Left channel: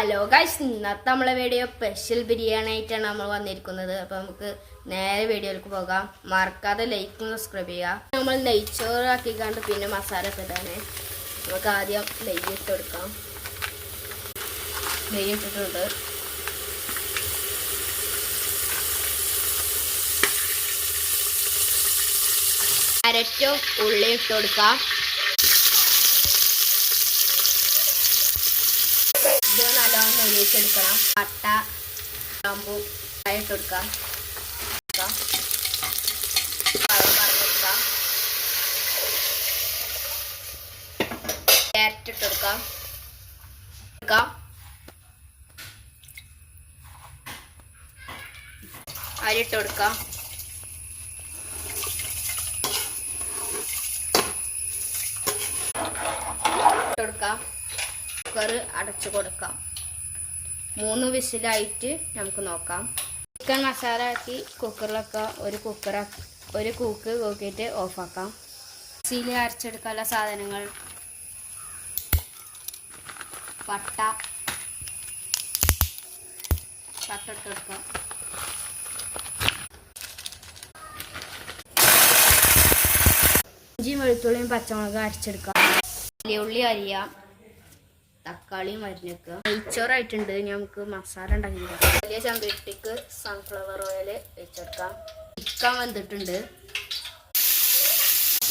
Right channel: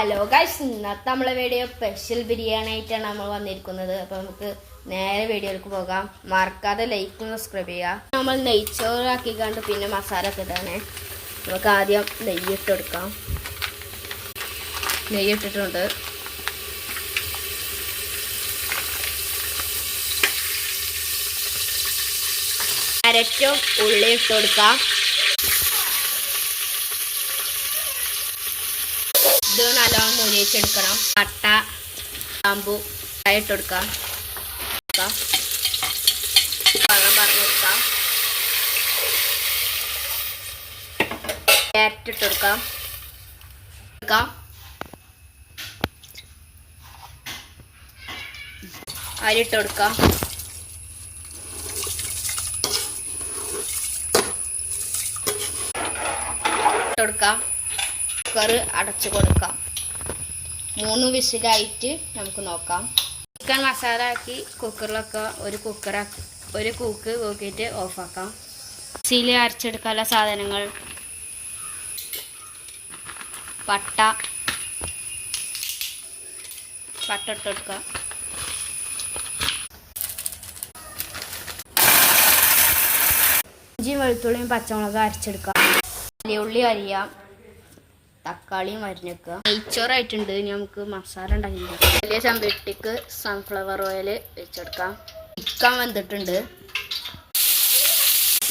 Hello guys, ഇന്നത്തെ നമ്മളെ video special biryani ആയിട്ടാണ് നമ്മൾ വന്നിരിക്കുന്നത്. അപ്പോൾ നമുക്ക് നേരെ വീഡിയോയിലേക്ക് പോകാം. മറക്കാതെ ലൈക്കും സബ്സ്ക്രൈബ് ചെയ്യുക. നമ്മൾ നെയ്ച്ചോറ് ആക്കിക്കാണ്ട് പിന്നെ മസാല ഒക്കെ ഇടാണ്. നമുക്ക് ആദ്യം നെയ്യ് ഇട്ടെടുക്കാം. നെയ്യ് ഇട്ടിട്ടുണ്ട്. അരറ്റും ഉള്ളി ഇട്ട് കൊടുക്കാം. ഇത് നല്ലോണം മുരിച്ചെടുക്കണം. പട്ട ഗ്രാമ്പു ഇട്ട് കൊടുക്കാം. ക്യാരറ്റ് ഇട്ട് കൊടുക്കാം. അരിട്ട് കൊടുക്കാം. കുക്കർ അടച്ചു കൊടുക്കാം. 3 വിസിലായിട്ട് നമുക്ക് നോക്കാം. ചിക്കൻ മസാല ആക്കി കുക്കറിലൊക്കെ ഒരു കൂക്ക് കൂക്കിയിട്ട് ഓഫാക്കാം. മിക്സിയിൽ അരച്ചെടുക്കാനുള്ള സാധനങ്ങൾ: പട്ട ഇട്ട് കൊടുക്കാം. ഇഞ്ചിയും വെളുത്തുള്ളിയും പച്ചമുളക് അരച്ചെടുക്കാം. ഉള്ളി അരിയാം. തക്കാളിയും അരിഞ്ഞെക്കുക. നെയ്ച്ചോറായിട്ടുണ്ട്. ഇനി നമുക്ക് മസാല ഉണ്ടാക്കിക്കാം. വലിയ ചെമ്പട്ടിക്ക് സൺഫ്ലവർ ഓയിൽ വെച്ചെടുക്കാം. ചിക്കൻ വെന്തിട്ടുണ്ട്.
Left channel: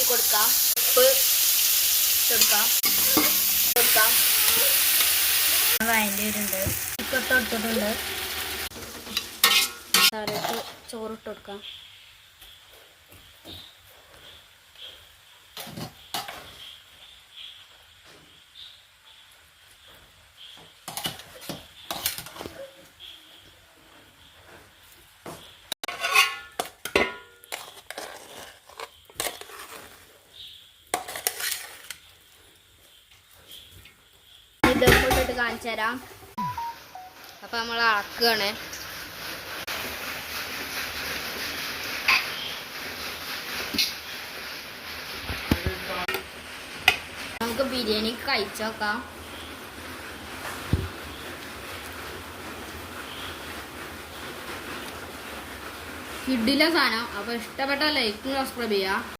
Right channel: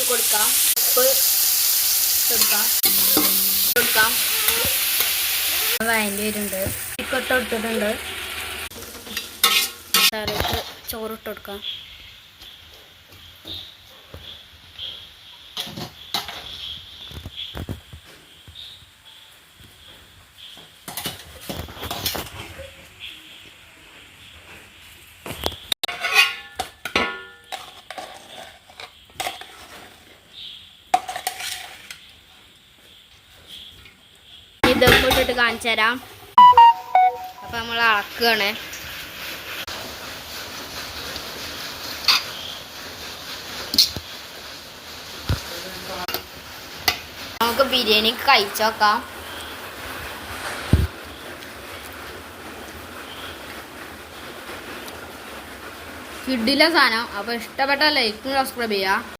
കൊടുക്കാം. ഉപ്പ് കൊടുക്കാം. വയൻ്റെ വരുന്നുണ്ട്. ചിക്കൻ ഇട്ടിട്ടുണ്ട്. മസാലയ്ക്ക് ചോറിട്ട് കൊടുക്കാം. ഇതൊക്കെ ഇട്ടിട്ട് കാണിച്ചു തരാം. അപ്പം നമ്മൾ അളക്കുകയാണ്. നമുക്ക് ബിരിയാണി കഴിച്ചു നോക്കാം. കിഡിലെ സാധനം. അപ്പോൾ ഇഷ്ടപ്പെട്ട ലൈക്കും സബ്സ്ക്രൈബ് ചെയ്യുക.